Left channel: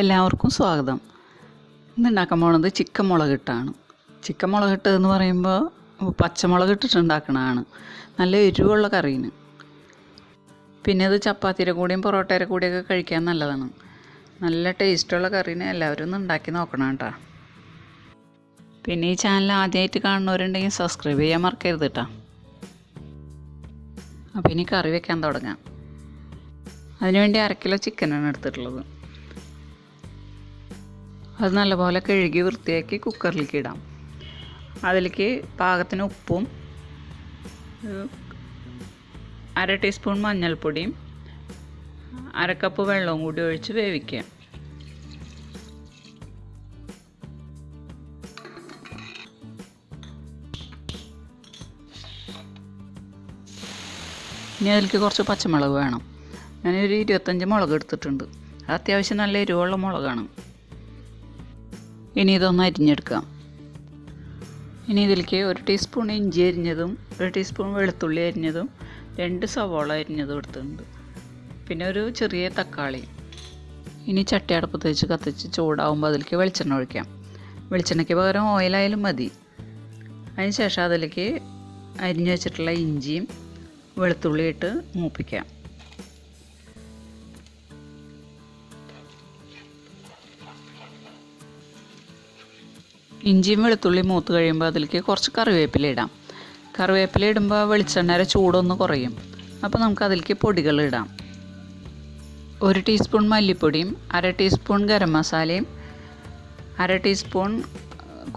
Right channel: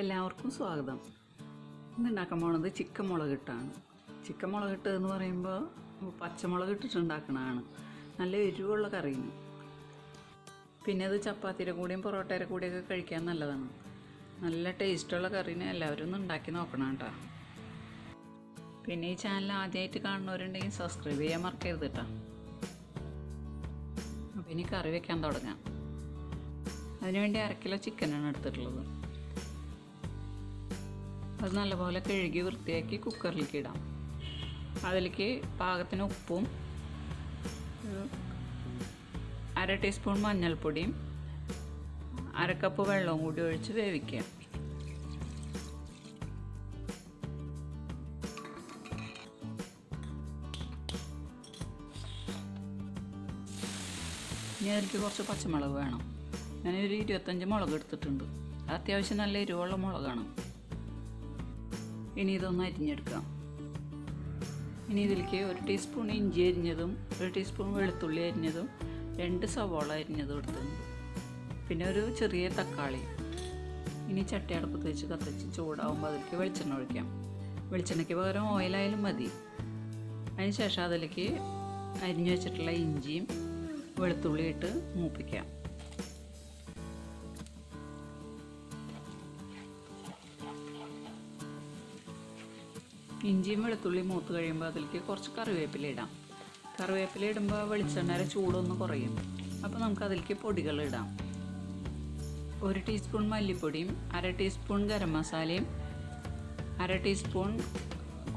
എല്ലാവർക്കും സ്വാഗതം. ഇന്ന് ഉണ്ടാക്കാൻ പോകുന്നത് ചിക്കൻ മുളകിട്ടാണ്. ചിക്കൻ മുളകിട്ട് എന്ന് പറയുമ്പോൾ പച്ചമുളക് ഇട്ടിട്ട് ഉണ്ടാക്കണതാണ്. നല്ല എരിവുള്ള കറീന്. പിന്നെ ഇത് ചപ്പാത്തിയുടെ കൂടെയും പൊറോട്ടയുടെ കൂടെയൊക്കെ കഴിക്കാൻ നല്ലതാണ്. നല്ല ടേസ്റ്റുള്ള കറീന് എല്ലാവരും ഒന്ന് ഉണ്ടാക്കി നോക്കണം കേട്ടോ. പിന്നെ ഈ ചാനൽ ആദ്യമായിട്ട് കാണുന്നവരുണ്ടെങ്കിൽ സബ്സ്ക്രൈബ് ചെയ്യാൻ മറക്കരുത് കേട്ടോ. അപ്പോൾ ഇനി കറി വെക്കാൻ തുടങ്ങാം. അതിനുവേണ്ടി 1/2 കിലോ ചിക്കനാണ് എടുത്തിട്ടുള്ളത്. അത് നല്ലപോലെ കഴുകി വൃത്തിയാക്കി കുക്കറിലേക്ക് ഇടാം. അതിലേക്ക് പാകത്തിന് ഉപ്പും 1/2 ടീസ്പൂൺ മഞ്ഞൾപ്പൊടിയും 1/2 കപ്പ് വെള്ളവും കൂടി ഒഴിച്ച് വേവിക്കുക. ഇനി അതിലേക്ക് കുറച്ച് പച്ചമുളക് വേണം. ഞാനൊരു 25 മുളക് എടുത്തിട്ടുണ്ട്. അത്യാവശ്യം നല്ല എരിവുള്ള മുളകാണ്. ഇനി ഇതൊന്ന് അരിഞ്ഞെടുക്കാം. ഇനി ഇതിലേക്ക് 1 ടീസ്പൂൺ ഇഞ്ചി അരിഞ്ഞതും 1 ടീസ്പൂൺ വെളുത്തുള്ളി അരിഞ്ഞതും 2 സവോള അരിഞ്ഞതും എടുത്തിട്ടുണ്ട്. പിന്നെ ഒരു ചെറിയ തക്കാളി. ഇനി ചട്ടി അടുപ്പത്ത് വെച്ച് കത്തിച്ച് ചൂടാവുമ്പോൾ അതിലേക്ക് വെളിച്ചെണ്ണ ഒഴിക്കാം. വെളിച്ചെണ്ണയ്ക്ക് പകരം ഓയിലായാലും മതി. അതിന് ശേഷം അതിലേക്ക് അരിഞ്ഞു വെച്ചിട്ടുള്ള ഇഞ്ചിയും വെളുത്തുള്ളി ഇട്ട് മൂപ്പിക്കാം. ഇഞ്ചിയും വെളുത്തുള്ളി മൂത്ത് കഴിയുമ്പോൾ അതിലേക്ക് കുറച്ച് കറിവേപ്പില ഇടാം. കറിവേപ്പില ഇടുമ്പോൾ വെളിച്ചെണ്ണയുടെ ചൂടൊന്ന് കുറയും. അപ്പോൾ നമുക്ക് അതിലേക്ക് പൊടികൾ ഇടാം. 1 ടീസ്പൂൺ മല്ലിപ്പൊടിയും 1/2 ടീസ്പൂൺ ഗരം മസാലയും 1/2 ടീസ്പൂൺ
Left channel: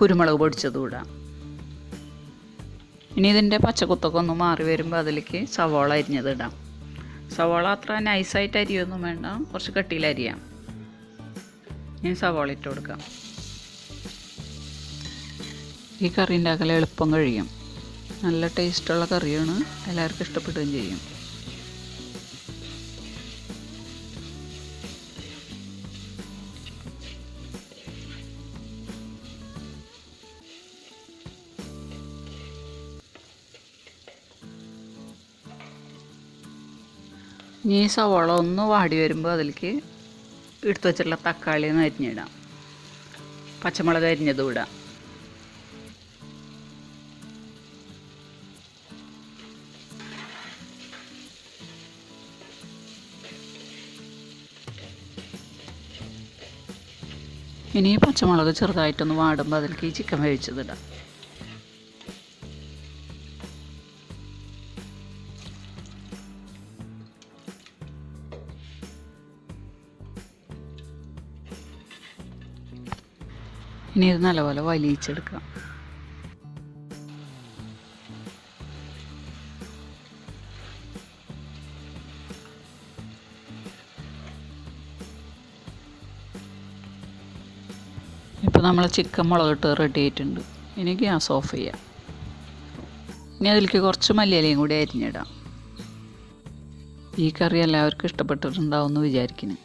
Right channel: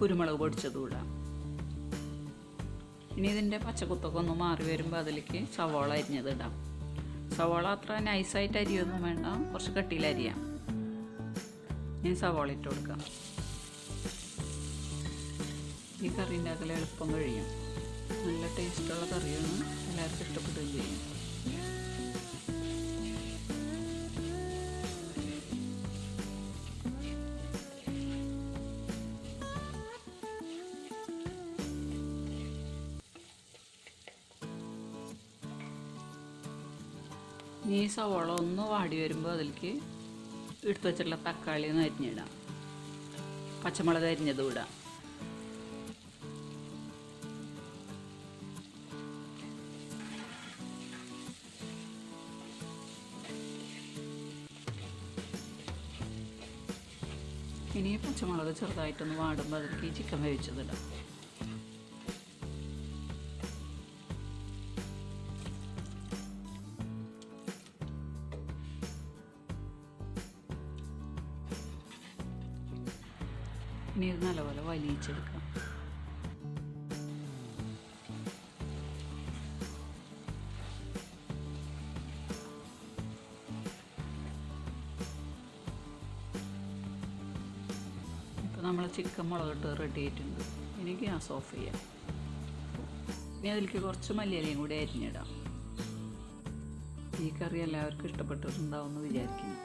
കുരുമുളക് പൊടിച്ചതും ഇടാം. ഇനി ഇതിൻ്റെ പച്ചക്കുത്തൊക്കെ ഒന്ന് മാറി വരുമ്പോൾ അതിലേക്ക് സവോള അരിഞ്ഞത് ഇടാം. സവോള അത്ര നൈസായിട്ട് അരിയൊന്നും വേണ്ട, കുറച്ച് കട്ടിയിൽ അരിയാം. ഇനി സവോള ഇട്ട് കൊടുക്കാം. ഈ കറി ഉണ്ടാക്കൽ എളുപ്പം കഴിയും. നല്ല ടേസ്റ്റുള്ള കറിയാണ്, എല്ലാവർക്കും ഇഷ്ടപ്പെടുകയും ചെയ്യും. ഇനി ഈ സവോള ഒന്ന് വാടി വരുമ്പോൾ അതിലേക്ക് എടുത്ത് വെച്ചിട്ടുള്ള തക്കാളി ഒന്ന് അരിഞ്ഞിടാം. പച്ചമുളക് അരിഞ്ഞതും ഇടാം. ഇനി പച്ചമുളക് ചെറുതായിട്ടൊന്ന് വാടുമ്പോൾ അതിലേക്ക് ഈ ചിക്കൻ വേവിച്ചതിടാം. ഇനി ഇത് നല്ലപോലെ വലിയിച്ചെടുക്കാം. ഇപ്പോൾ നമ്മൾ ചിക്കൻ മുളകിട്ട് റെഡി ആയിട്ടുണ്ട്. ഇനി ഗ്യാസ് ഓഫ് ചെയ്യാം. ഇനി അതിലേക്ക് കുറച്ച് മല്ലിയിലയും കൂടി അരിഞ്ഞിടാം. ഈ കറി എല്ലാവർക്കും ഇഷ്ടപ്പെട്ടിട്ടുണ്ടാവും എന്ന് വിചാരിക്കുന്നു.